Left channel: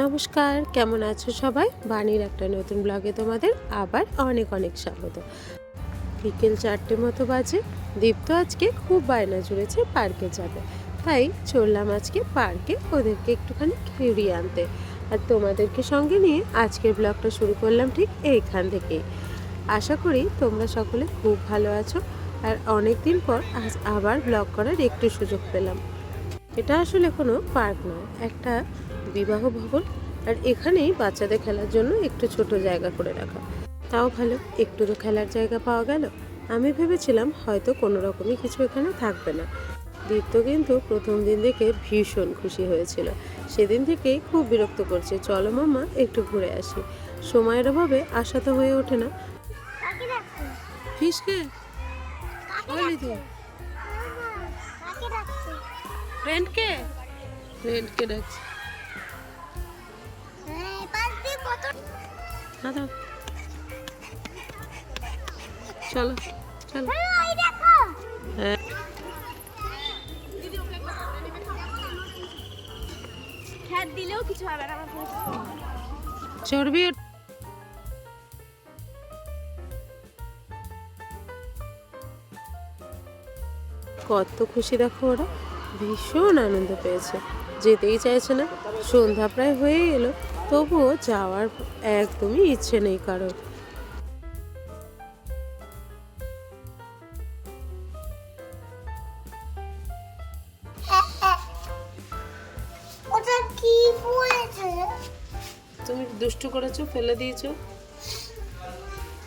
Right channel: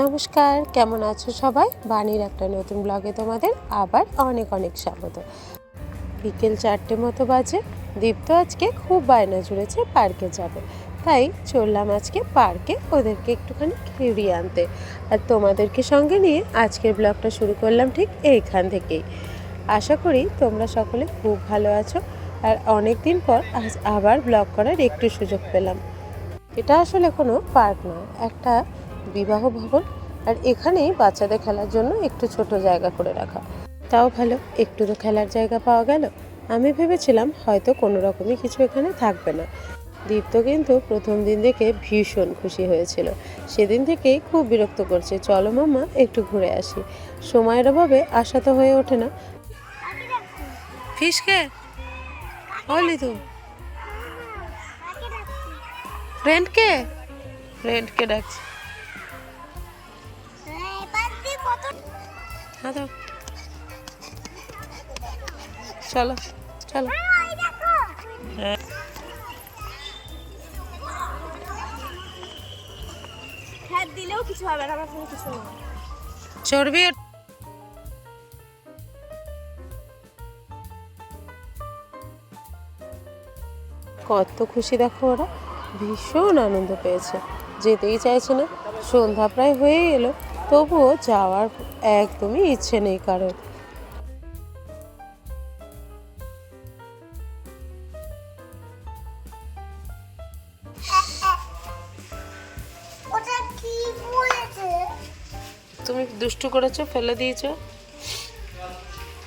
নমস্কার, কেমন আছো সবাই? বাণীর একটা নতুন ব্লগে তোমাদের আবার অনেক অনেক স্বাগত। বিকেল 4টে মতো বাজে। দীপ্ত আজকে খুব বায়না জুড়েছে পার্কে যাবে, তাই চললাম আজকে পার্কে ওদেরকে একটুখানি ঘুরিয়ে আনতে। আর তোমাদেরকে সঙ্গে নিয়ে আজকের ব্লগটা শুরু করলাম ঠিক এইখান থেকেই। আশা করি তোমরা সকলে খুব ভালো আছো। আর অনেক দিন পর আজ আবার ব্লগ করার একটু সুযোগ পেলাম। এটা আসলে কোনো পার্ক নয়, একটা বিবাহ ভবন। আর এখানেই বাচ্চাদের খেলার জন্য একটু ছোট জায়গা করে রাখা। তাও ভালো, একটু তো খেলার জায়গা পাওয়া গেল। আমি ভেবেছিলাম হয়তো কোনো রকমই কিছু এখানে থাকবে না। দীপ্ত কিন্তু প্রথম দিন দেখে ভীষণ খুশি হয়েছিল। সেদিন থেকেই খুব বিরক্ত করছে, চলো মাম্মা একটু ঘুরে আসি। সময়ের অভাবে আসা তো হয়ে ওঠে না। ফিসকে বলি তো ফ্রেন্ডকে ফ্রেন্ডকে ডাকছি। চলো চলো। হ্যাঁ, চর্বি কত খুশি দেখো, ওরা ভীষণ আনন্দ পেয়েছে, যেতেই চাইছে না। সন্ধ্যা প্রায় হয়ে এলো, তবুও যাওয়ার একদমই ইচ্ছে নেই কারোর। তুমি দুষ্টু করেছো, ফেলে দিয়েছো,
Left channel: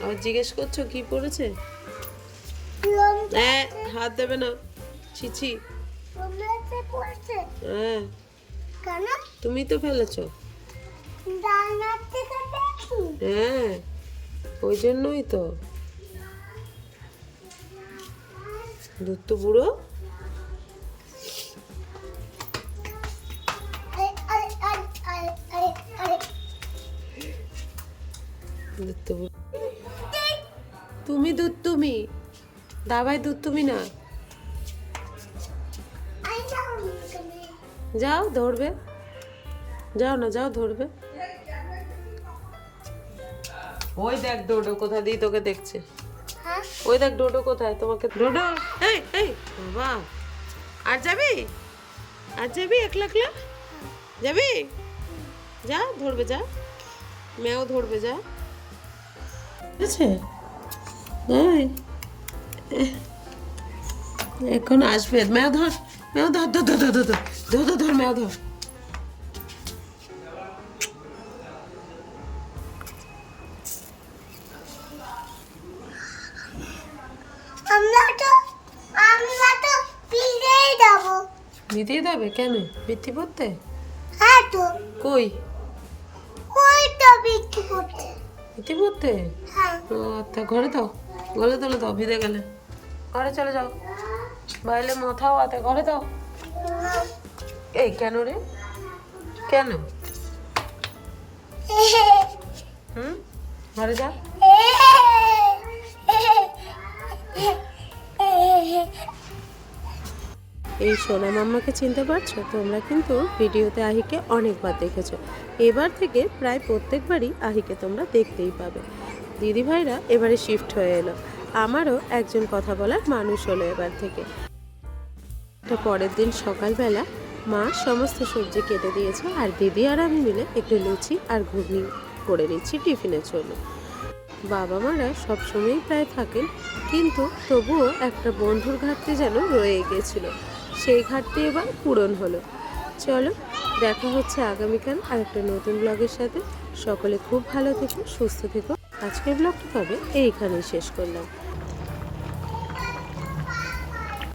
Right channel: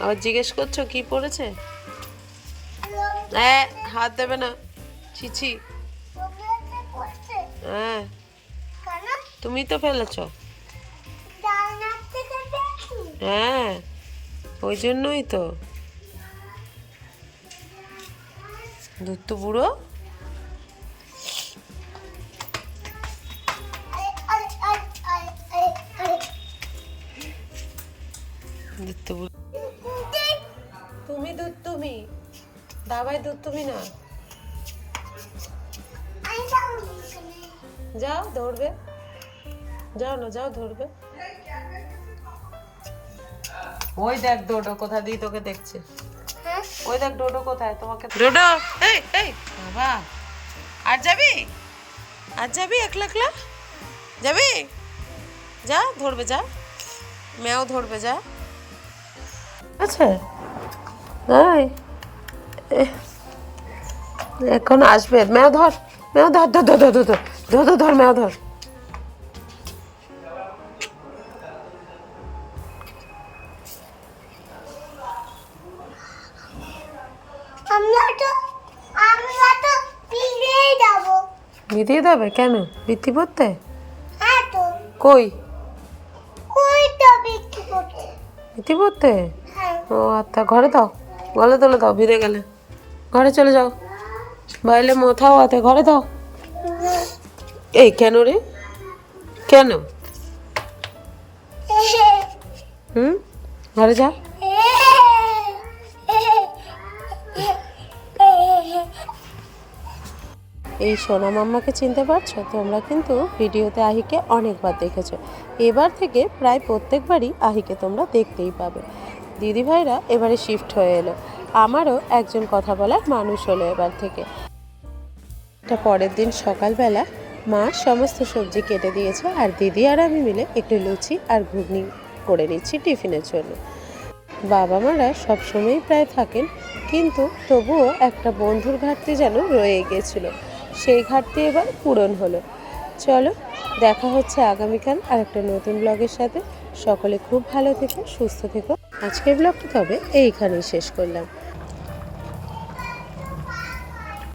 আবার জিজ্ঞেস করছো কি পড়েছে। হ্যাঁ, হাত দেবে না, ছিছি। হ্যাঁ, তুমি তো ফেলেছো। হ্যাঁ, ওই জন্যই তো। দুধ তো বুড়ো। দুধ তো বুড়ো। তুমি দুধ, তুমি দাবাই দুধ, তুমি না। যাও ধরবে, যাও না, যাও ধরবে। ওই দেখ ডোডো কোথা দিয়ে তোকে দেখছে। ওই দেখ ডোডো কোথায় তোমাকে। ডোডো, এই এই বাবা, আর যাবি? আর যাবি একলা একলা? যাবি? যা ধরবে, যা ম্যাও ধরবে, যা। আচ্ছা তাই এখন আসবে। ম্যাও ধর, ম্যাও ধর, ধর ধর ধর ধর ধর ধর ধর, ম্যাও ধর। বিধিয়ে দেবে কেন? বৃত্তি পড়তে? কই বৃত্তি পড়তে? ও আচ্ছা, ঘরে দাও, গলে তোলে দাও, ভিড়ে গেলে ঘরে চলে যাও। বাইরে মোথাও হাতে, ঘরে দাও। এই কেন রে, কেন? ঘরে যা। এই সোনা মাম্মাকে চিনতে পারছো? তোমরা কিন্তু ভিডিওতে আহিকে অনেকবার দেখেছো। এবার থেকে প্রায় প্রত্যেকবারই আহিকে তোমরা দেখতেই পাবে। দিদিভাইরা এবারে শিফট হয়ে এলো, আমারও একজন কথা বলার মানুষ হলো এবার থেকে। তো পরের দিন সকালবেলা মা সমস্ত সবজি কেটে দিয়েছে, আর দিদি আর আমি মিলে একটু লুচি আর ঘুগনি করে নিচ্ছি টিফিনের জন্য। বাবা মারা সবসময়ই প্রায় থাকেন, কিন্তু তবুও একটা বন্ধুর ঘাটতি যেন রয়ে গিয়েছিল, সেই ঘাটতি এবার পূরণ হলো। চলো, দেখা হচ্ছে আগামীকাল আর একটা নতুন ব্লগের সাথে। সকলে খুব ভালো থেকো, সুস্থ থেকো। আজকের ব্লগটা তবে এইখানেই শেষ করলাম।